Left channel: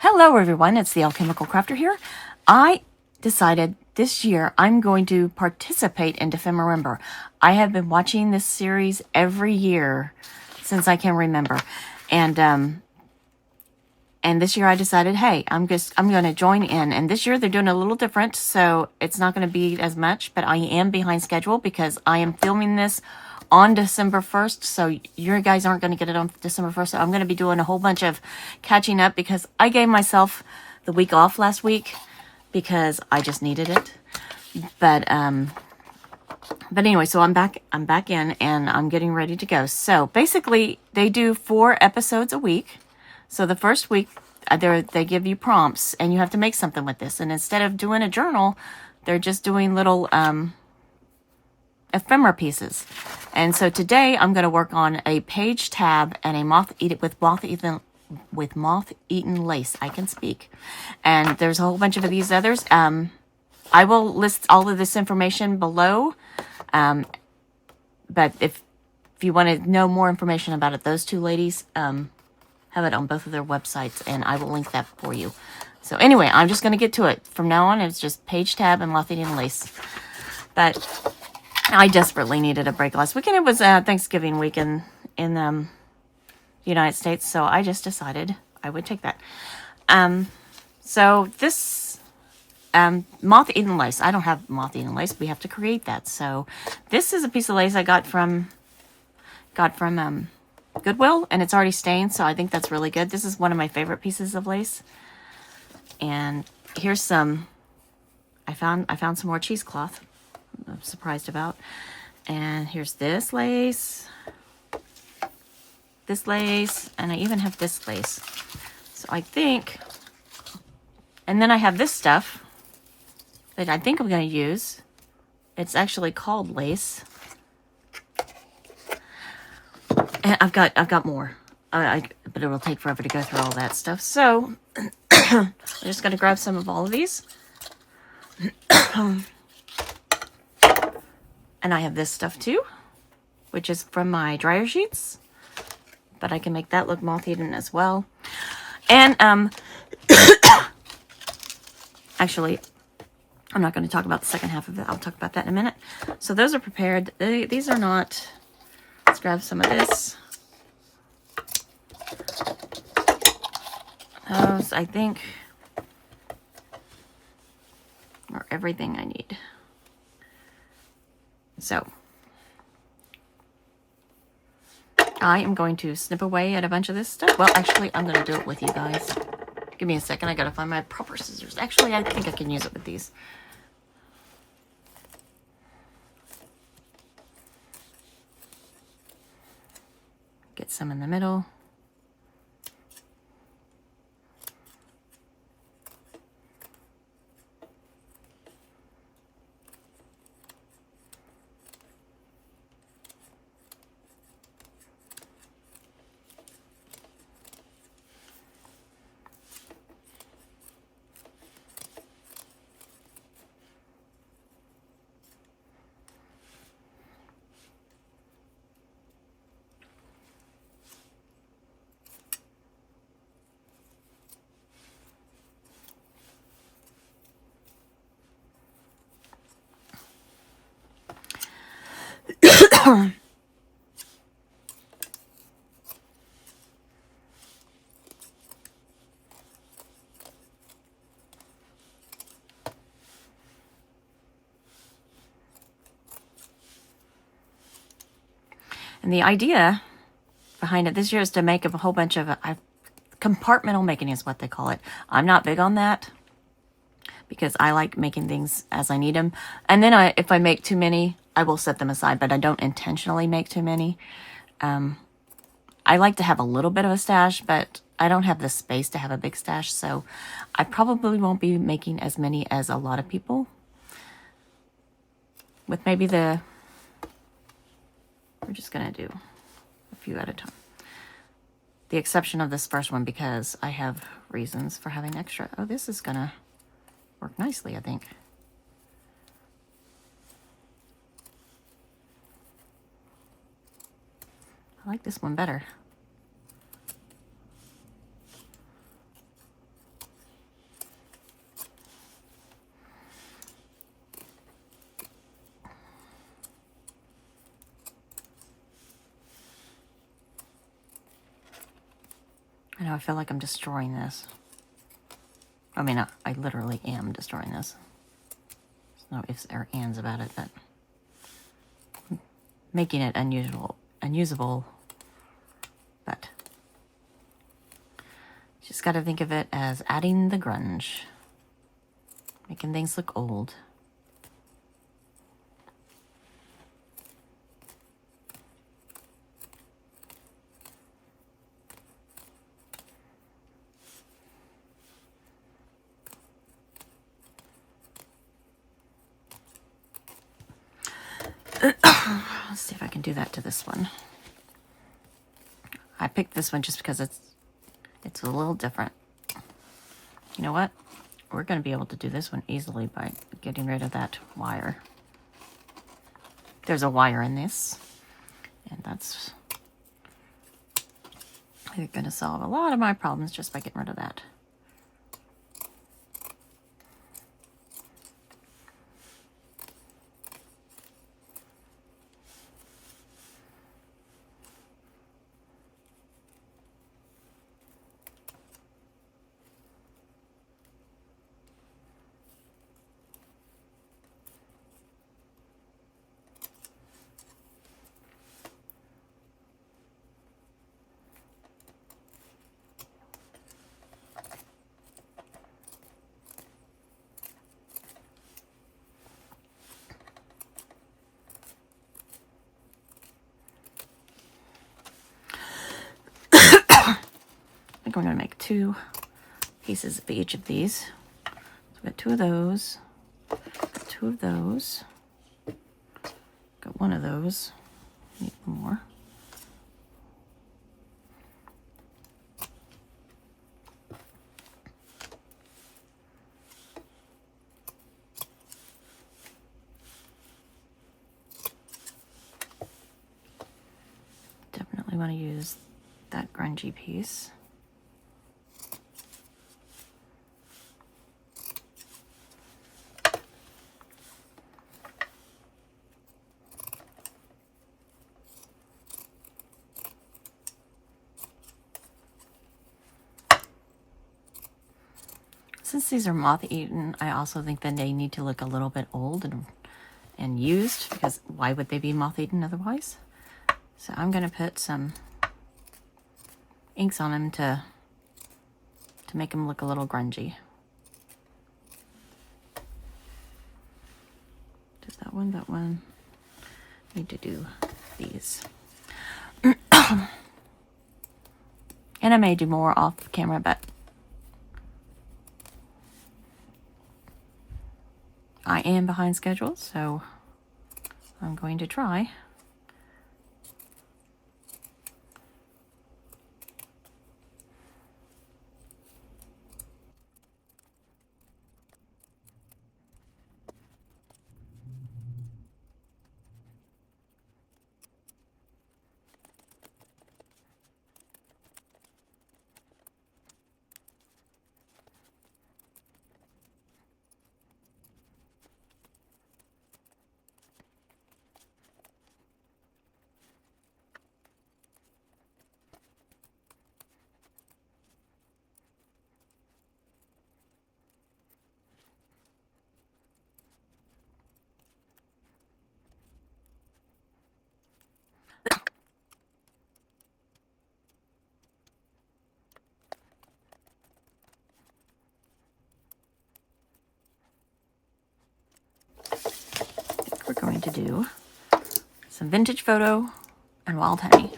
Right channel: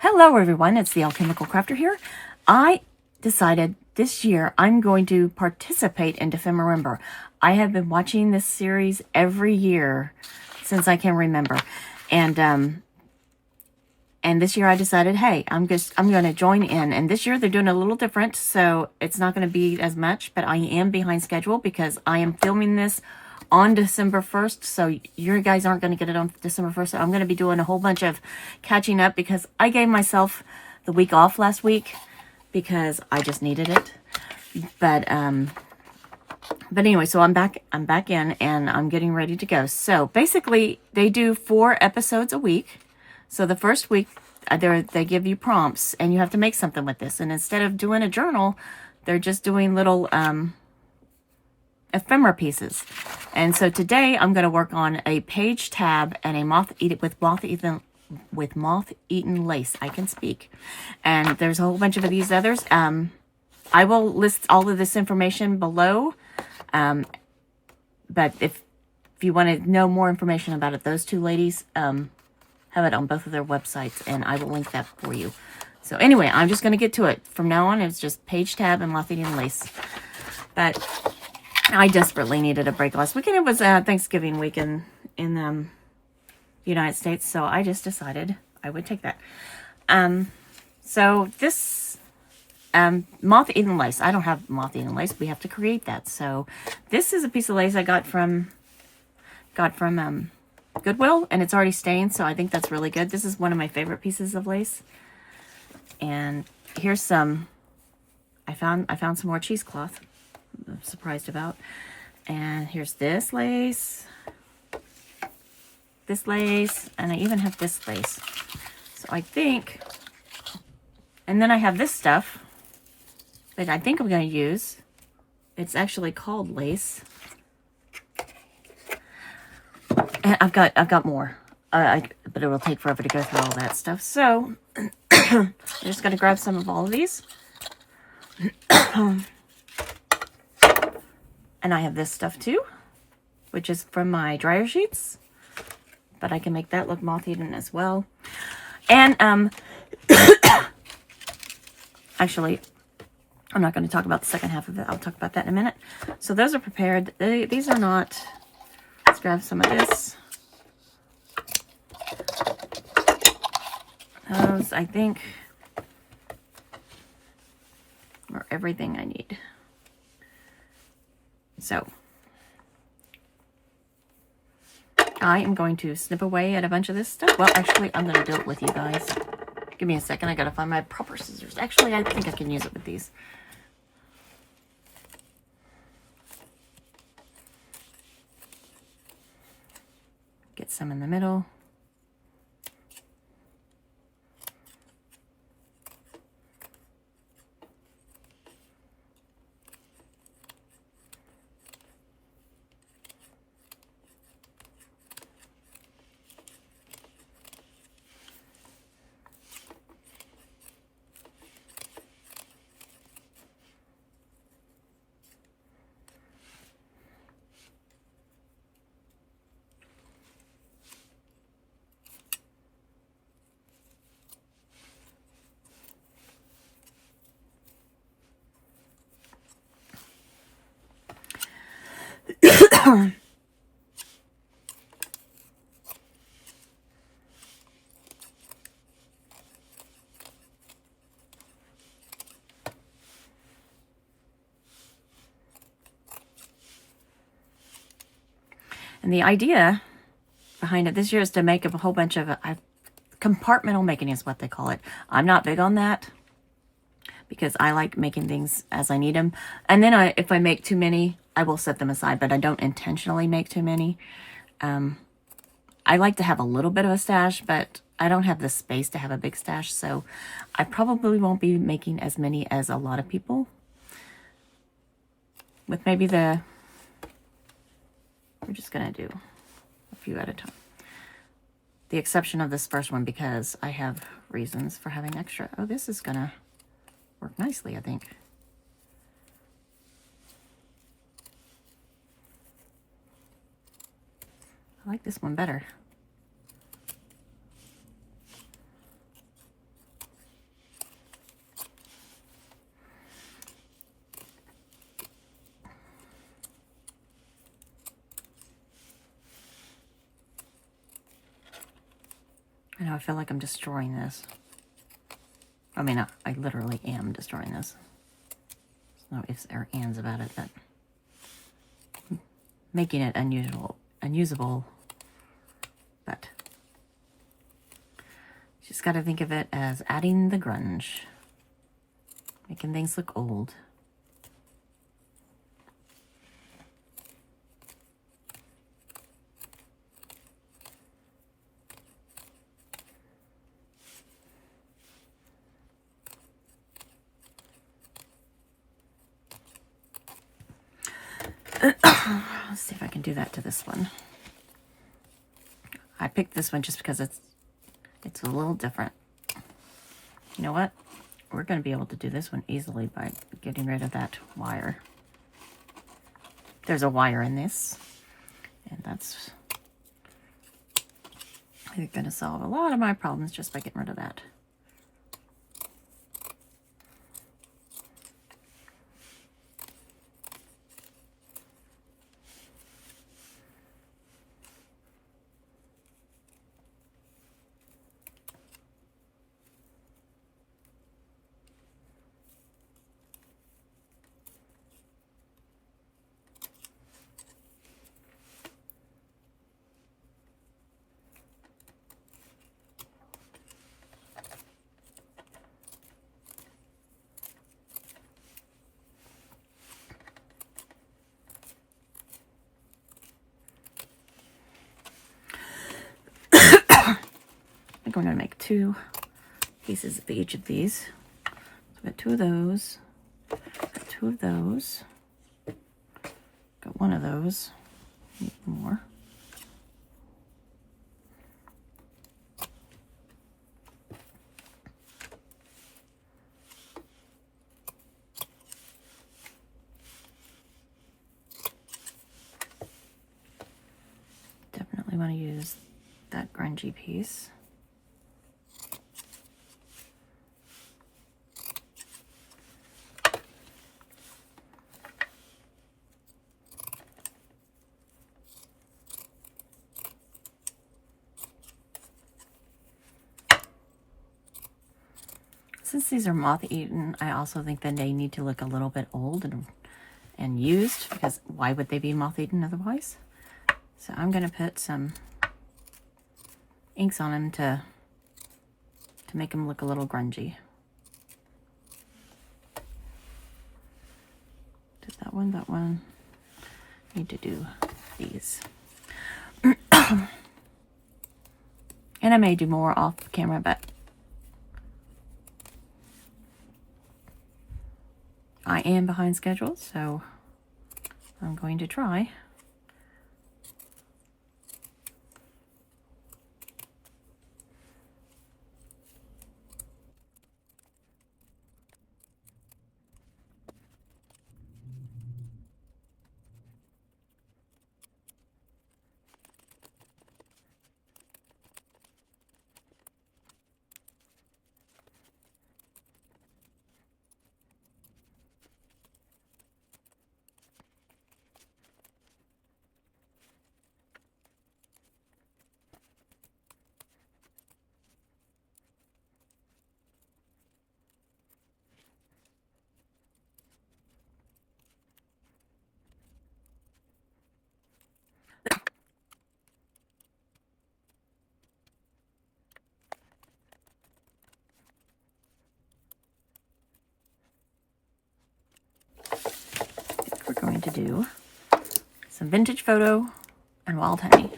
Hello everyone, it's the Alchemical Crafter here. I decided this year I'm going to participate in Defemember. I have been watching this series every year since I can remember. And this year I decided, hey, I'm going to join in. And this year they're doing a little different, so it's not going to be as much, but I am behind schedule because I am filming this on December 1st, so you guys aren't going to get it on December 1st. So I'm going to be doing a whole bunch of catching up because I gave myself the week off last week because I just needed it. But anyway, so I'm back in and I'm getting ready to go. So basically they do 4 episodes a week. So the first week they give you prompts and you have to make something with this. And instead of doing a journal, they're just doing little ephemera pieces. And so today I'm going to work on a page tab and a moth-eaten lace. I can speak. And there's a whole bunch of these others. I will list all of this information below. But if you want to know more information about it, those two ladies have it on both of their websites, and I will link that for you. So anyway, I'm just going to get to it. From now on, it's just page tab and moth-eaten lace. But I desperately needed a break last weekend. It was Thanksgiving week in the United States, so I just decided I would take that. So this moth-eaten lace. I don't have moth-eaten lace. We have to create that. So this is a piece of lace I got from Goodwill, and it's already stained, so I think that's really good. This is one of my favorite pieces of lace. And here's some. I found some more cheesecloth. I'm surprised about. And here's this lace, and I even have this lace. So I think, and then I have this stuff that I think I'm going to use. It's actually called lace. And I've got more, but it will take forever to go through all that stuff. So I'm just going to grab some of all of these. And I have this stuff too, which is from my dryer sheets, but I can make that look moth-eaten as well. And actually, I'm not going to talk about the second half of it. I'll talk about that in a minute. So those are prepared. These are not. Let's grab some of this. Those, I think, are everything I need. So I am going to snip away at a bunch of this stuff. Well, actually, I'm going to do it with you guys. Give me a second. I got to find my proper scissors. Actually, I think I can use it with these. Get some in the middle. And the idea behind it this year is to make a whole bunch of compartmental making is what they call it. I'm not big on that because I like making things as I need them. And then if I make too many, I will set them aside, but I don't intentionally make too many. I like to have a little bit of a stash, but I don't have the space to have a big stash, so I probably won't be making as many as a lot of people. With maybe we're just going to do a few at a time. The exception of this first one because I have reasons for having extra. Oh, this is going to work nicely, I think. I like this one better. Now I feel like I'm destroying this. I mean, I literally am destroying this. There's no ifs or ands about it, but making it unusable, but just got to think of it as adding the grunge, making things look old. Let's see if I can do that to this one. I picked this one just because it's a little different. You know what? We're going to be able to do this one easily by getting rid of that wire. There's a wire in this, and that's going to solve a lot of my problems just by getting rid of that. I'm going to make 2 pieces of each of these. So I've got 2 of those, got 2 of those, got 1 of those, need more. Definitely want to use that grungy piece. Since these are moth-eaten, I also think that they need to look a little bit old and used, because why would they be moth-eaten otherwise? So I'm going to put some inks on them to make them look a little grungy. Did that one. Need to do these. And I may do more off camera, but I am behind schedule, so I'm going to try. We're going to do some vintage photo and wild honey.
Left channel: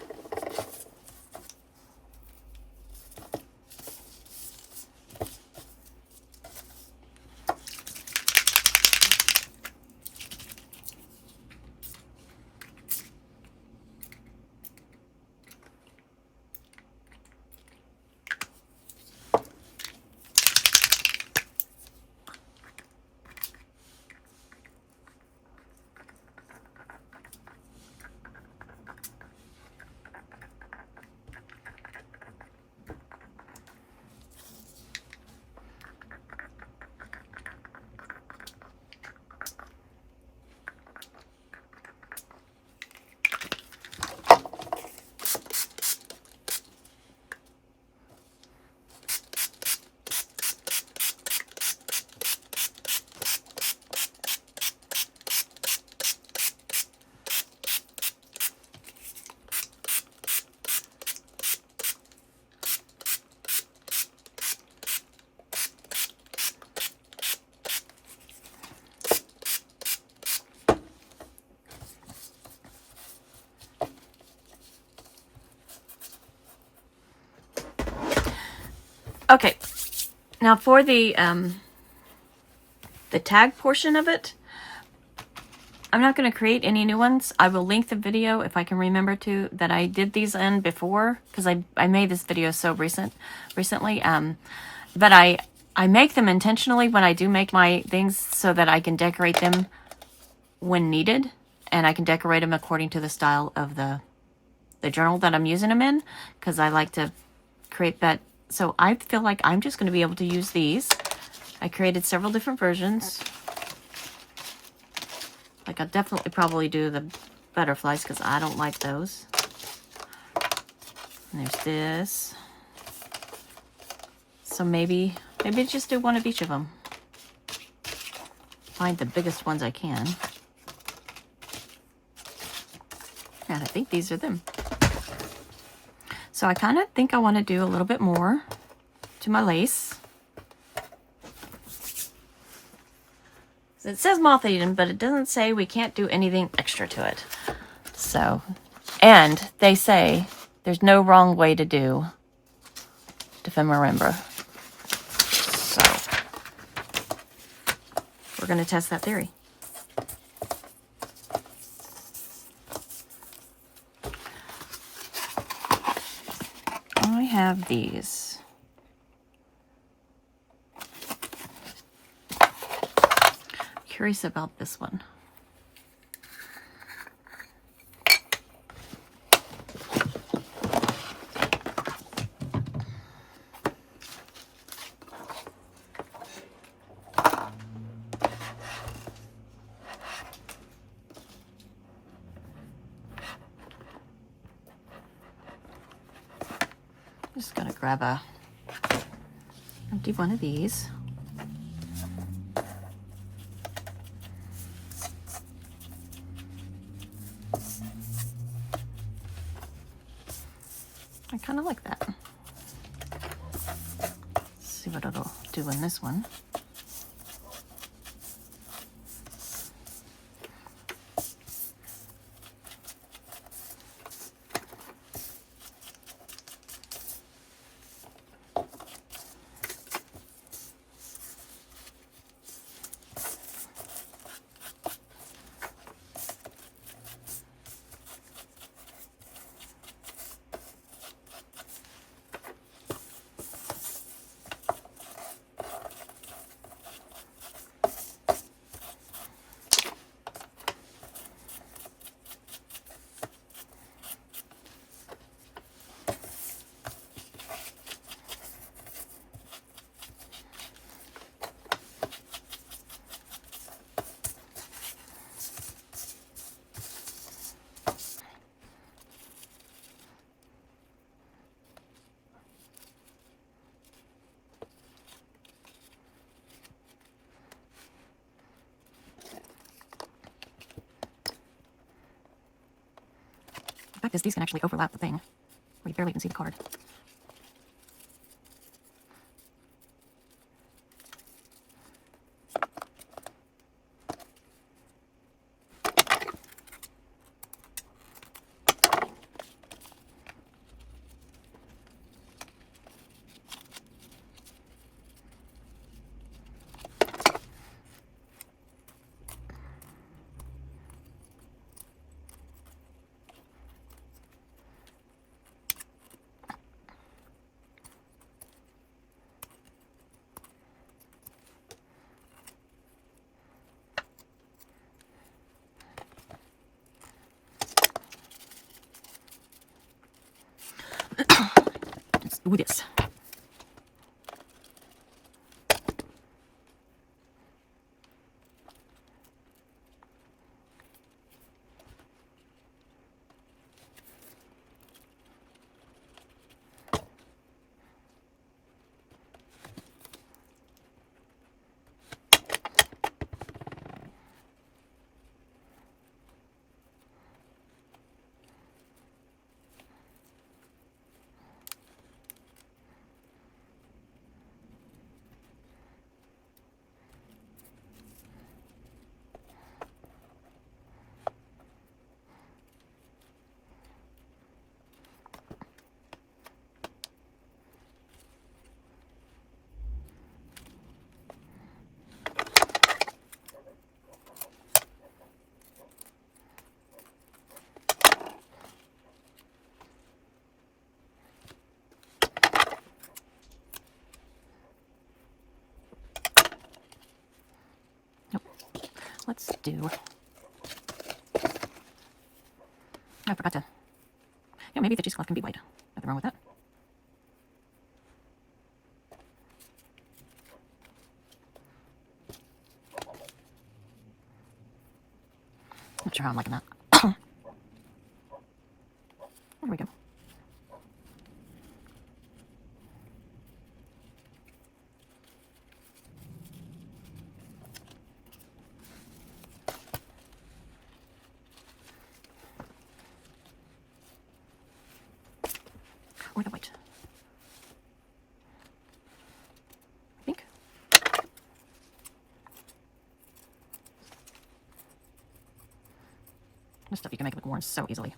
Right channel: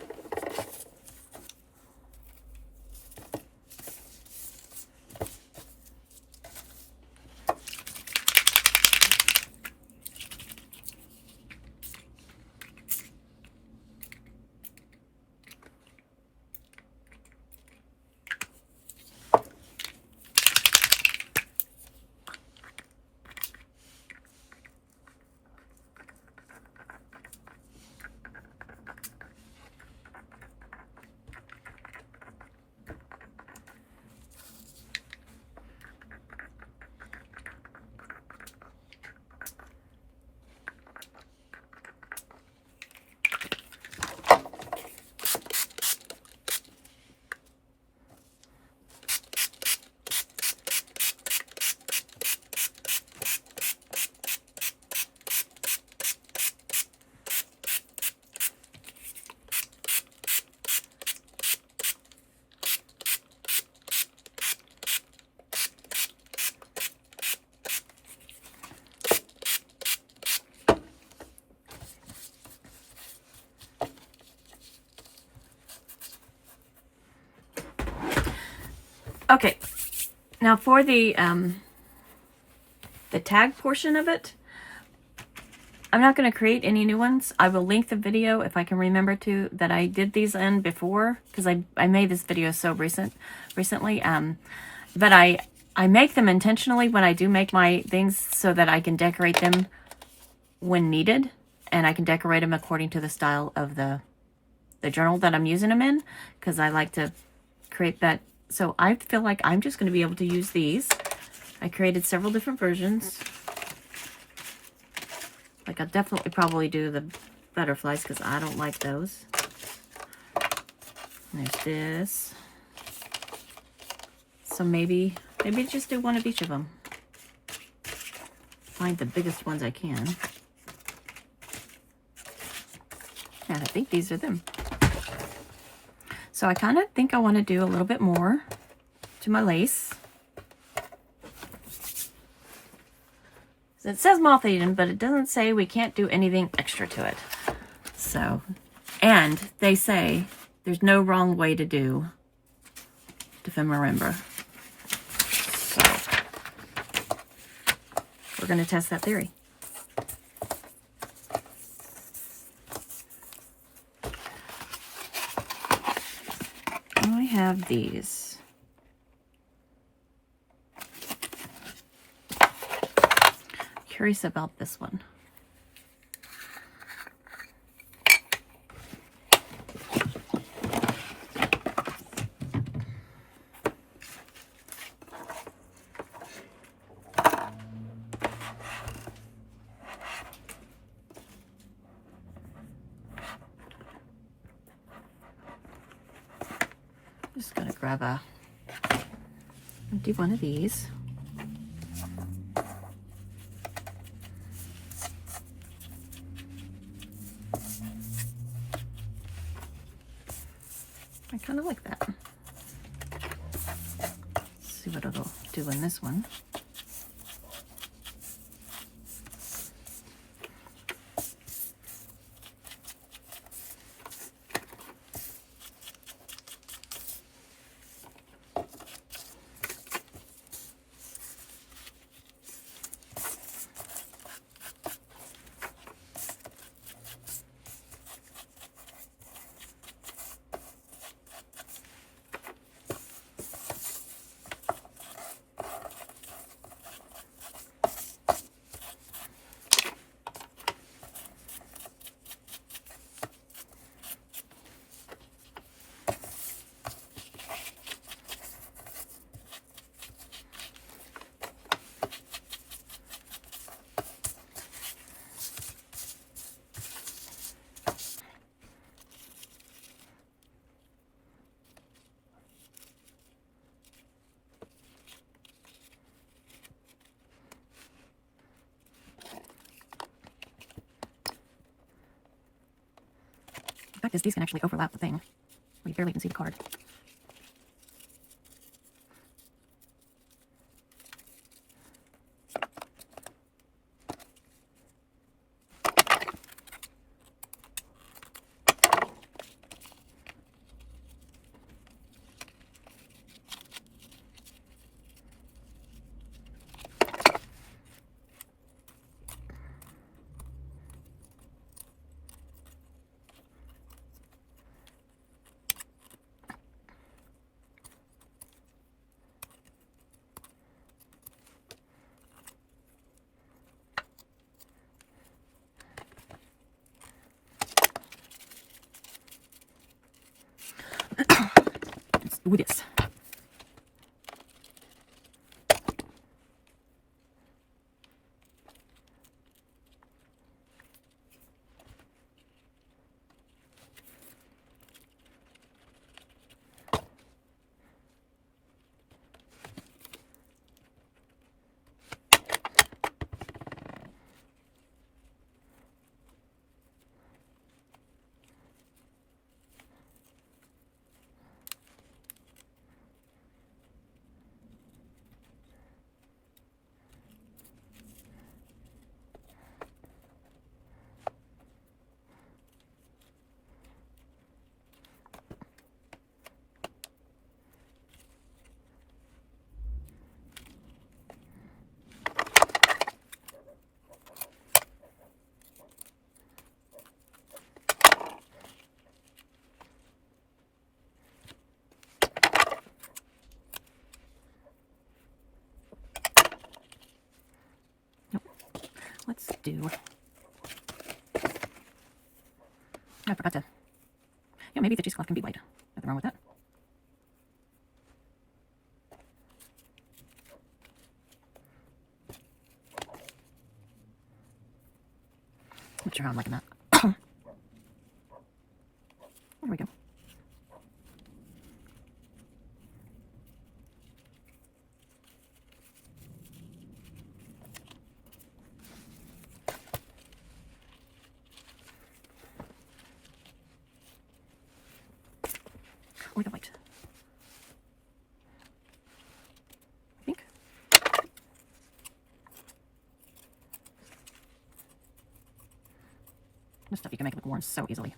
Okay, now for the tag portion of it, I'm not going to create any new ones. I will link the video, if I can remember to, that I did these in before, because I made this video so recently. But I make them intentionally when I do make my things so that I can decorate them when needed, and I can decorate them according to the style of the journal that I'm using them in, because I like to create that. So I feel like I'm just going to be able to use these. I created several different versions. Like, I'll definitely probably do the butterflies because I don't like those. And there's this. So maybe just do one of each of them. Find the biggest ones I can. And I think these are them. So I kind of think I want to do a little bit more to my lace. It says moth-eaten, but it doesn't say we can't do anything extra to it. So, and they say there's no wrong way to do ephemera. So, we're going to test that theory. I have these. Curious about this one. I'm just gonna grab I'll do one of these. I kind of like that. Let's see what it'll do in this one. The fact is, these can actually overlap the thing, where you barely can see the card. Let's do this. let's do... I forgot to... Yeah, maybe the cheesecloth can be white. Nothing wrong with that. Not sure how I'm liking that. There we go. Or the white. I think. This stuff you can make look worn so easily.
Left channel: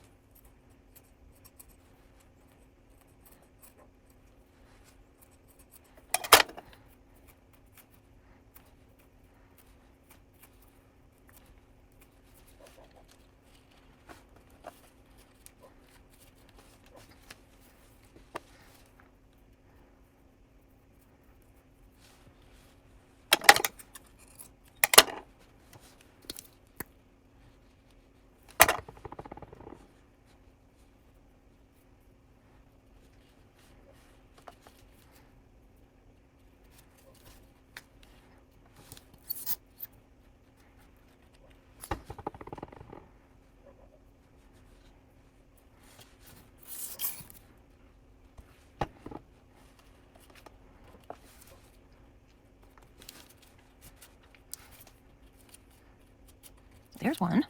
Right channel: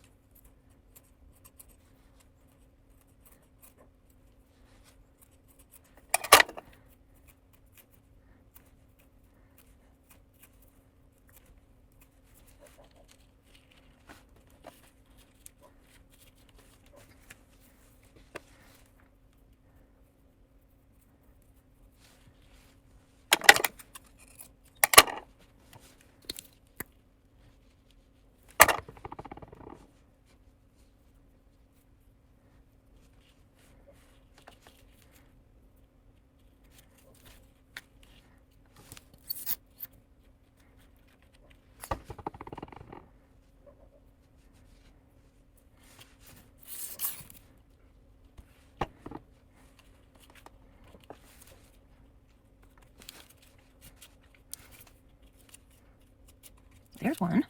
There's one.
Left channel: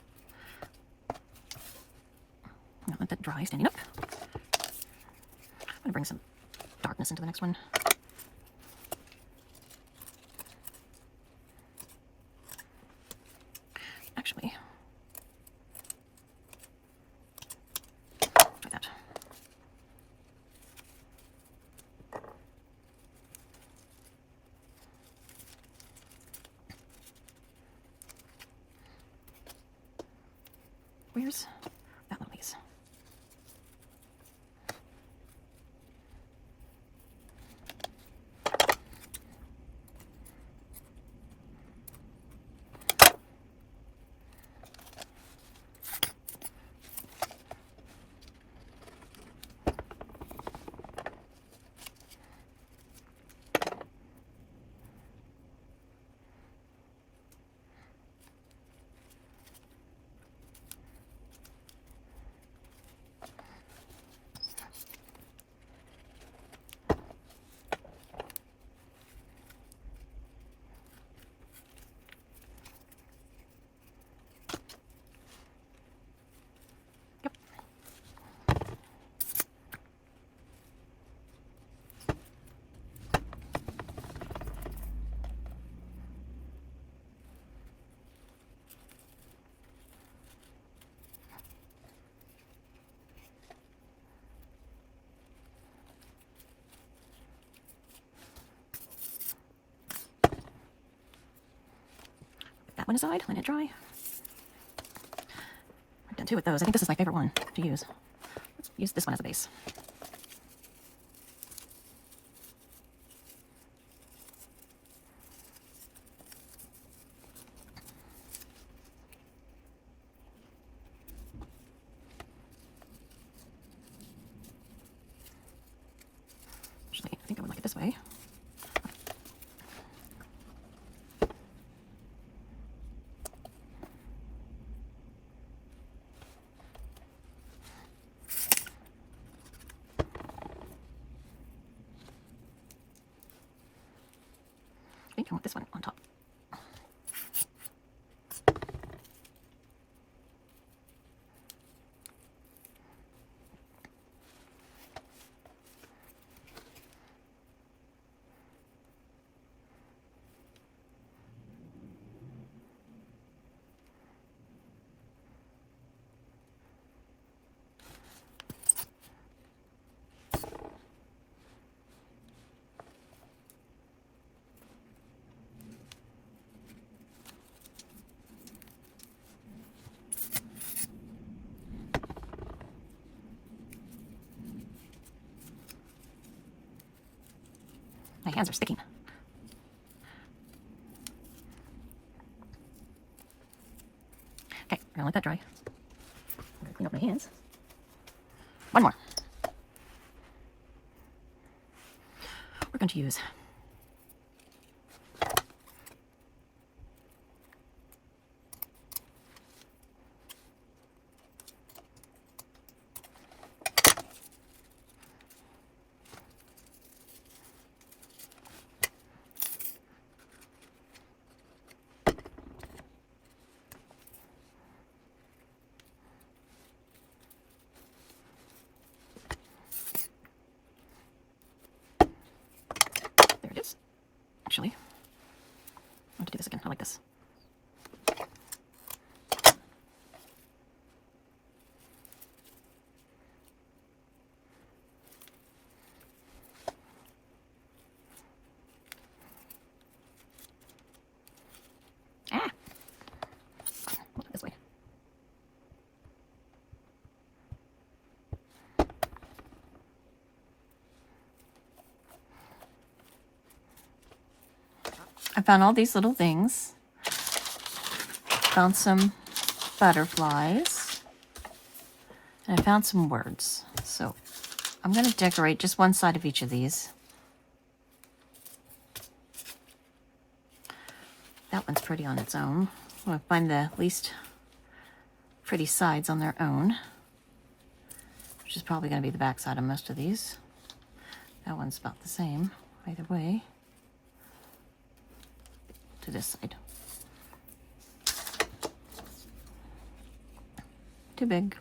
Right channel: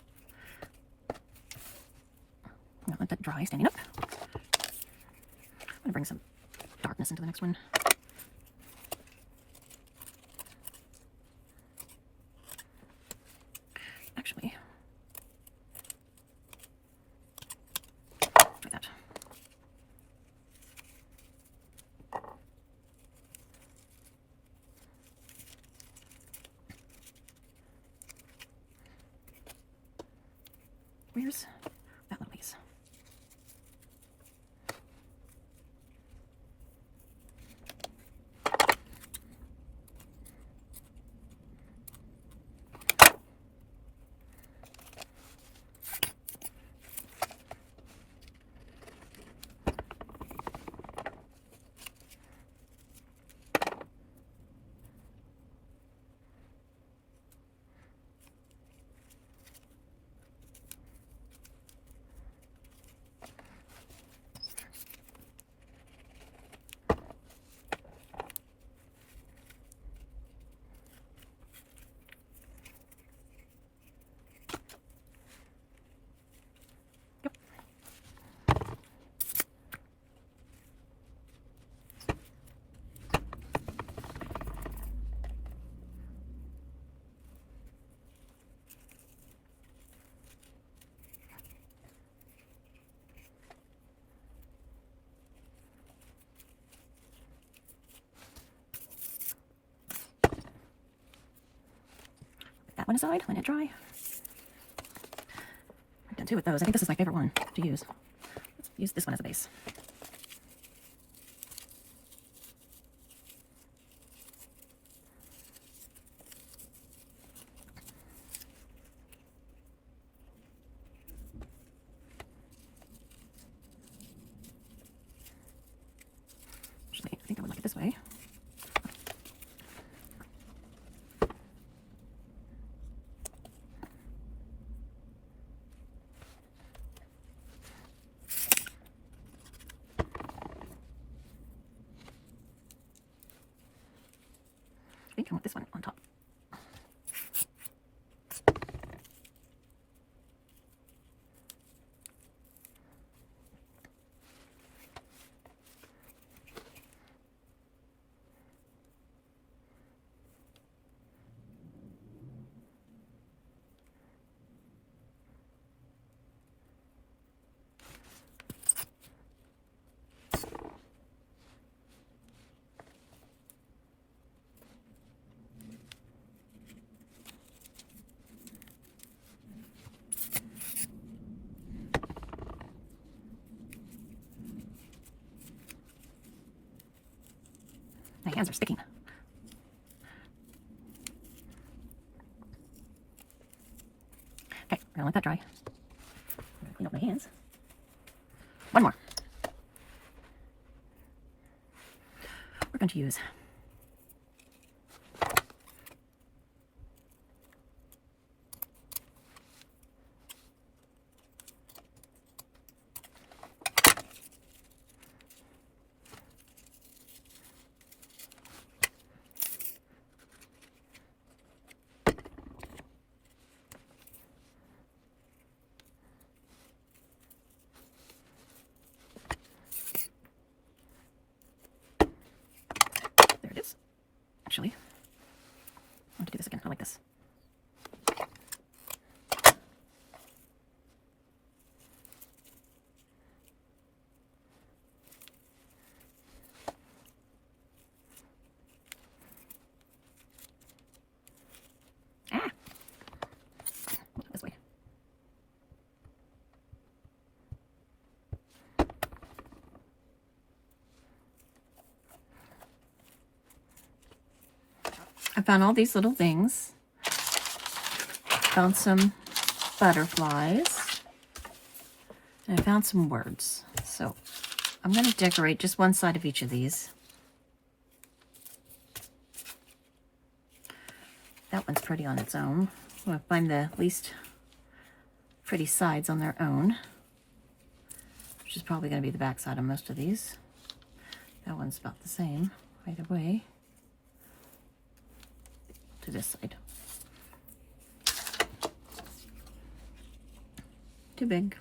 I'm gonna let that dry standing up. I'm gonna bring some darkness into the next one. Actually, try that. Where's that little piece? That one aside, let it dry. I've done two with those. I think this is my favorite one to use. Let's use this one as a base. Actually, I think I would like it this way. I think I want this one on top. My hands are sticking. don't like that dry. Clean up my hands. One more. We're going to use actually. I want to do this again. I like this. Ah! Look this way. I found all these little things. Found some butterflies. And I found some words. So I'm going to decorate just one side of each of these. That one's pretty on its own. I'm going to find the least pretty sides on their own, which is probably going to be the back side of most of these. That one's about the same either way. To this side. Too big.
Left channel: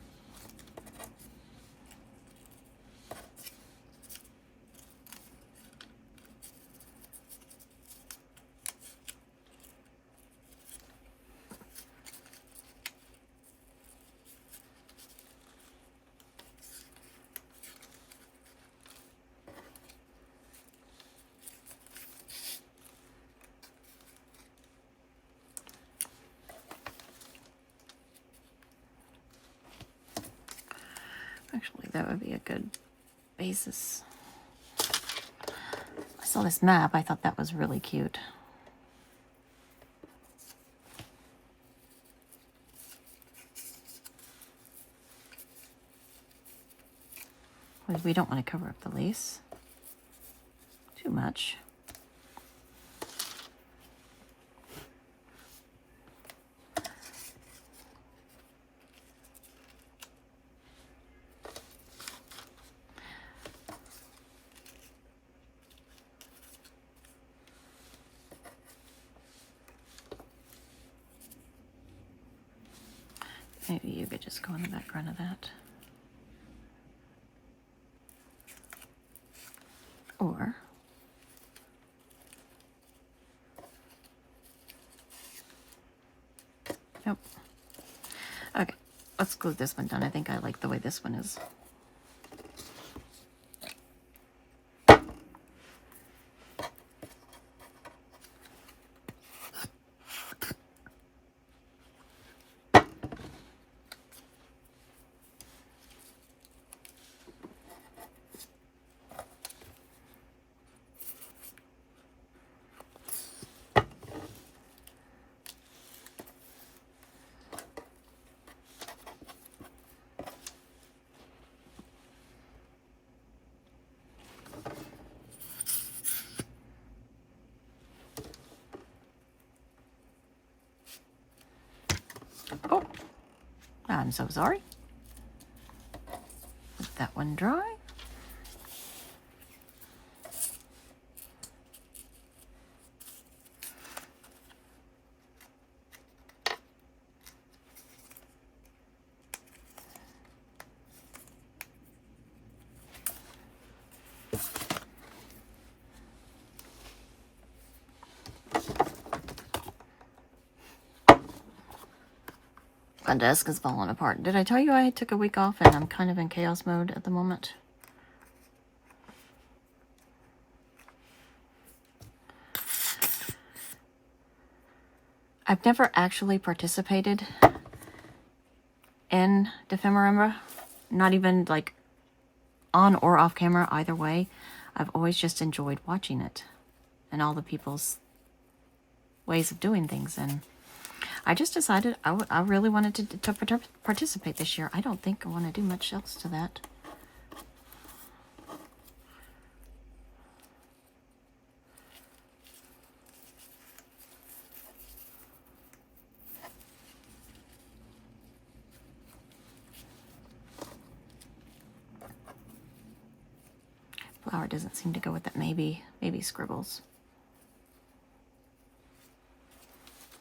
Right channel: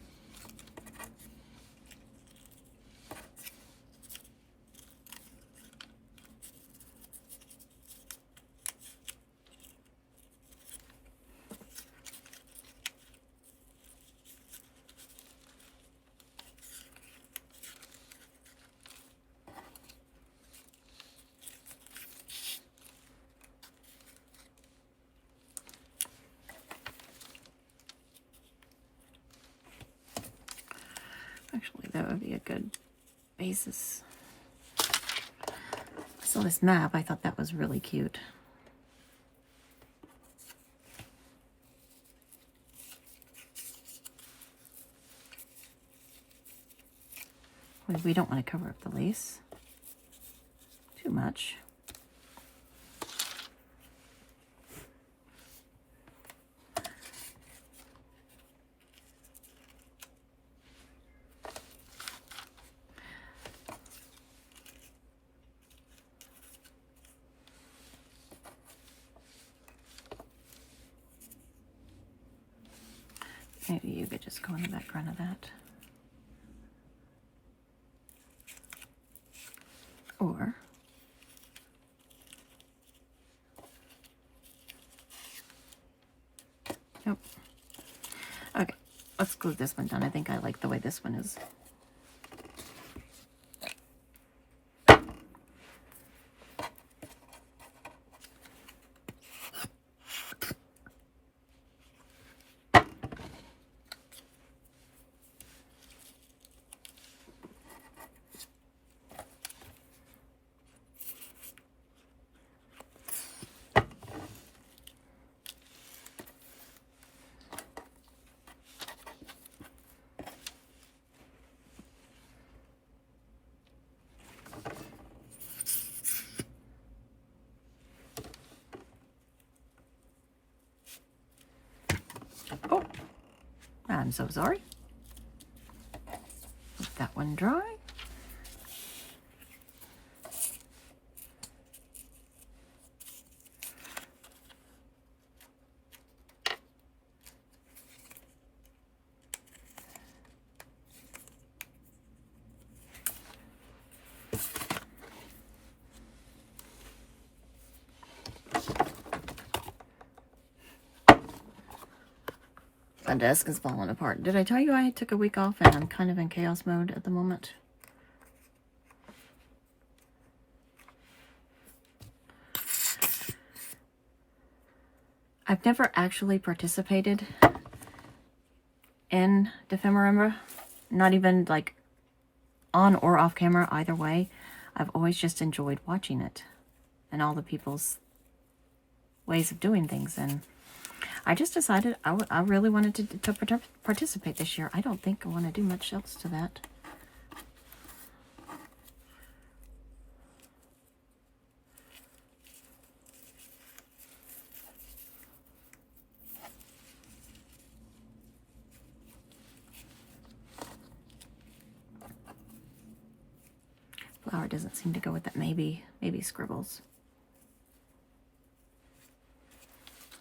Actually, that would be a good basis. I saw this map. I thought that was really cute. We don't want to cover up the lace too much. Maybe you could just go in the background of that. Or nope. Okay, let's glue this one down. I think I like the way this one is. Oh, I'm so sorry. Let that one dry. My desk is falling apart. Did I tell you I took a week off and I'm kind of in chaos mode at the moment? I've never actually participated in Defemorember, not even like on or off camera, either way. I've always just enjoyed watching it and all the people's ways of doing things. And I just decided I really wanted to participate this year. I don't think I want to do much else to that. Flower doesn't seem to go with that. Maybe scribbles.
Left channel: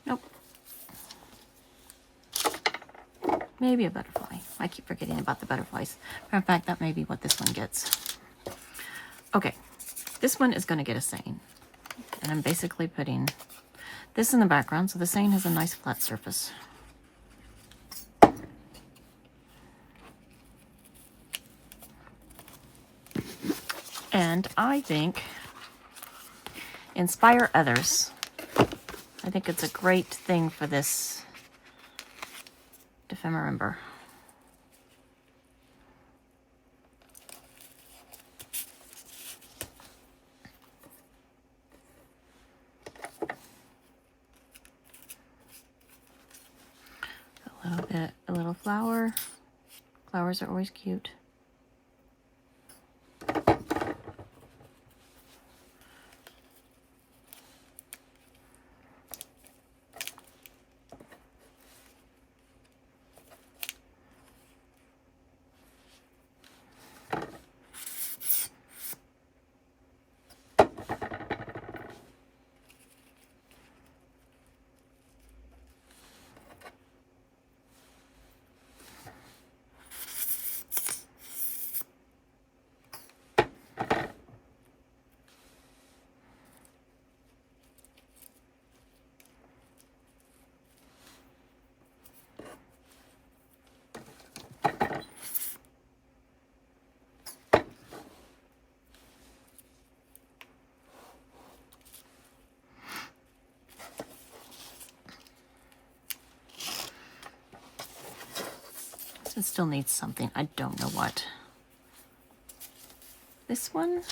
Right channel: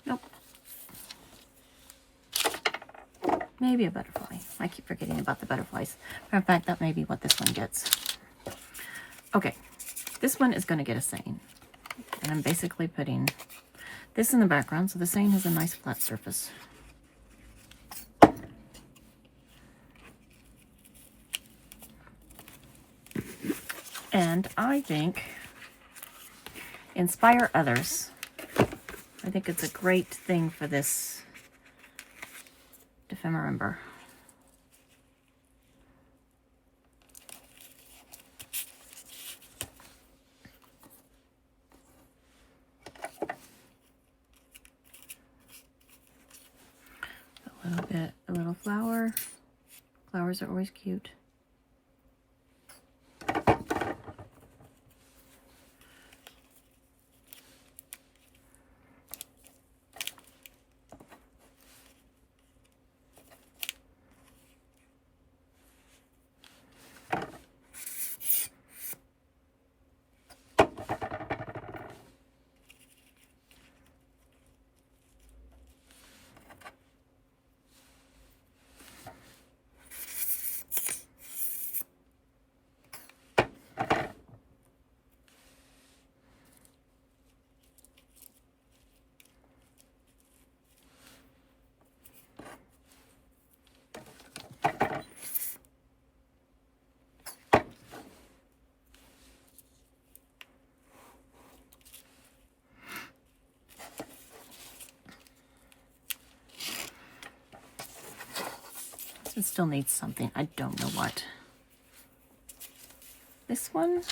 Nope. Maybe a butterfly. I keep forgetting about the butterflies. In fact, that may be what this one gets. Okay, this one is going to get a saying. And I'm basically putting this in the background so the saying has a nice flat surface. And I think inspire others. I think it's a great thing for this Ephemerimber. A little flower. Flowers are always cute. It still needs something. I don't know what. This one?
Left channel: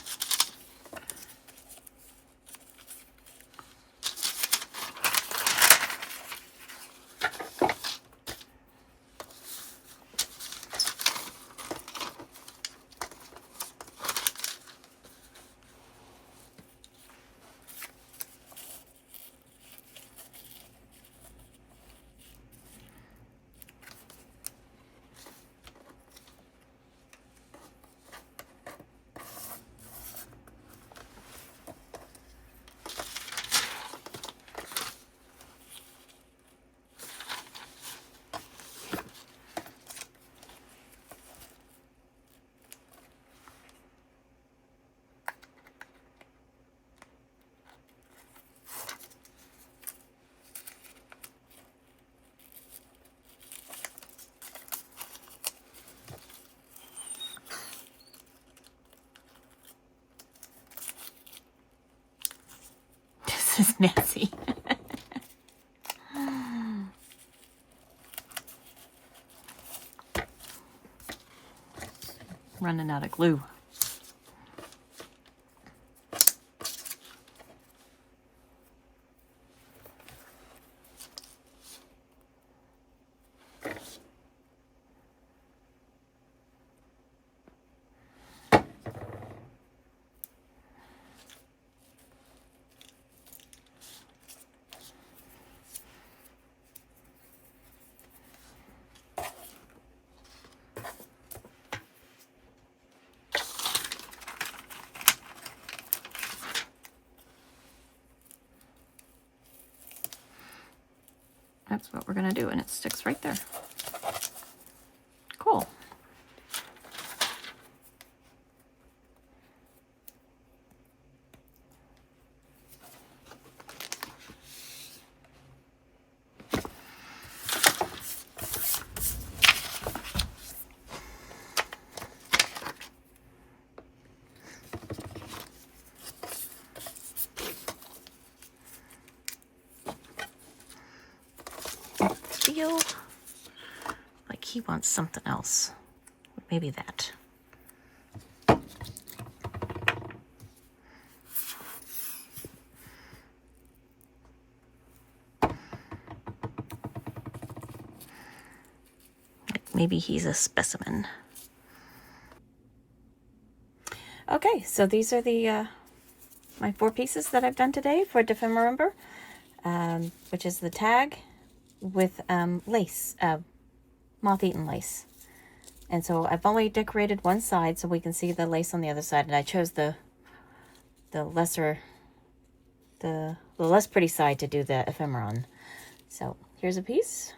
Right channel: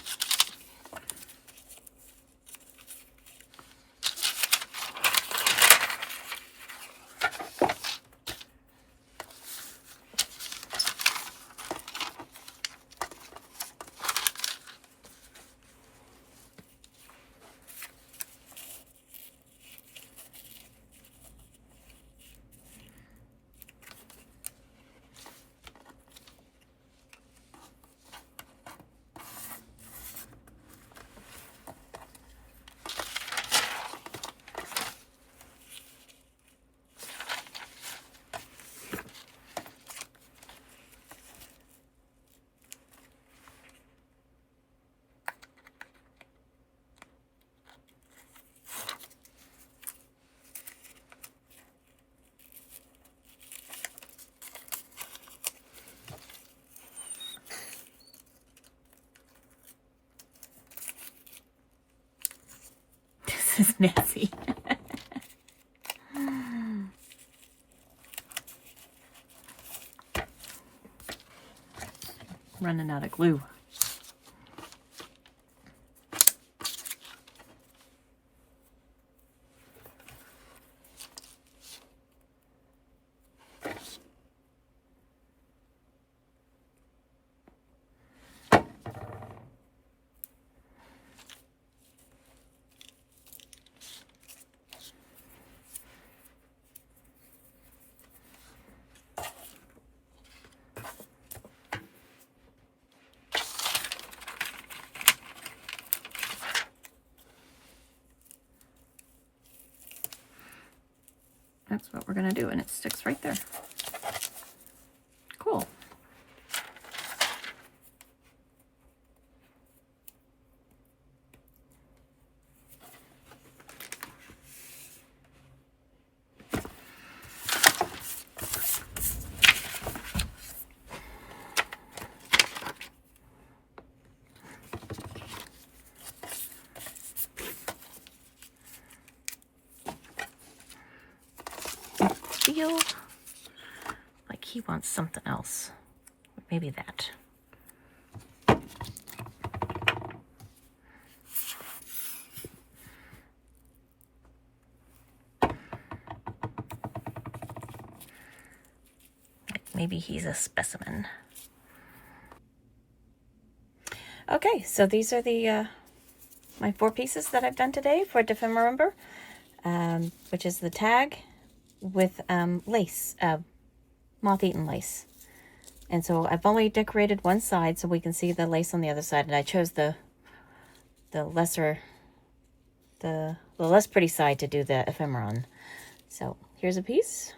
This is messy. Running out of glue. That's what we're going to do, and it sticks right there. Cool. Feel like he wants something else. Maybe that. maybe he's a specimen. Okay, so these are the my 4 pieces that I've done today for Defemember, which is the tag with lace, moth-eaten lace. And so I've only decorated one side so we can see the lace on the other side, and I chose the lesser, the less pretty side to do the ephemera on. So here's a piece.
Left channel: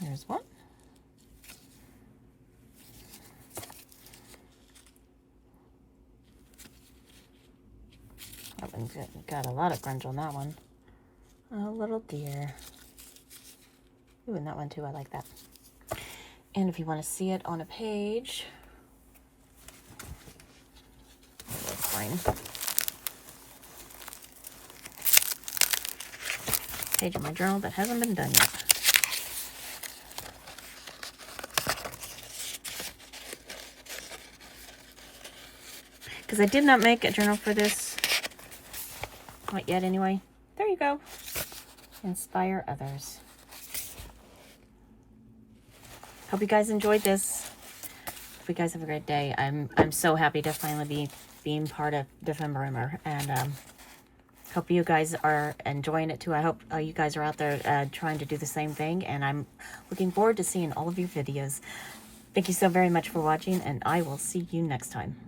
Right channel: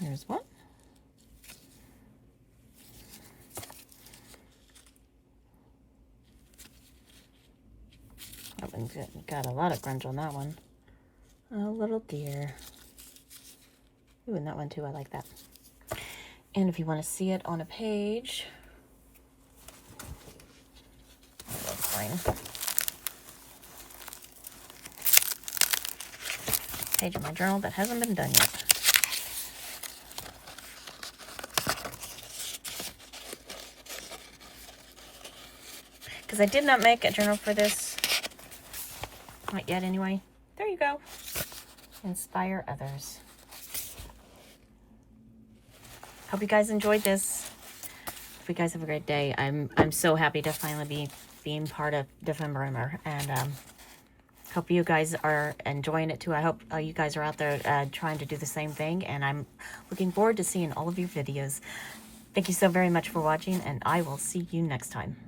Here's one. That one got a lot of grunge on that one. A little deer. Ooh, and that one too, I like that. And if you want to see it on a page, that's fine. Page of my journal that hasn't been done yet. Because I did not make a journal for this. Not yet, anyway. There you go. Inspire others. Hope you guys enjoyed this. Hope you guys have a great day. I'm so happy to finally be being part of Defemember, and hope you guys are enjoying it too. I hope you guys are out there trying to do the same thing, and I'm looking forward to seeing all of your videos. Thank you so very much for watching, and I will see you next time.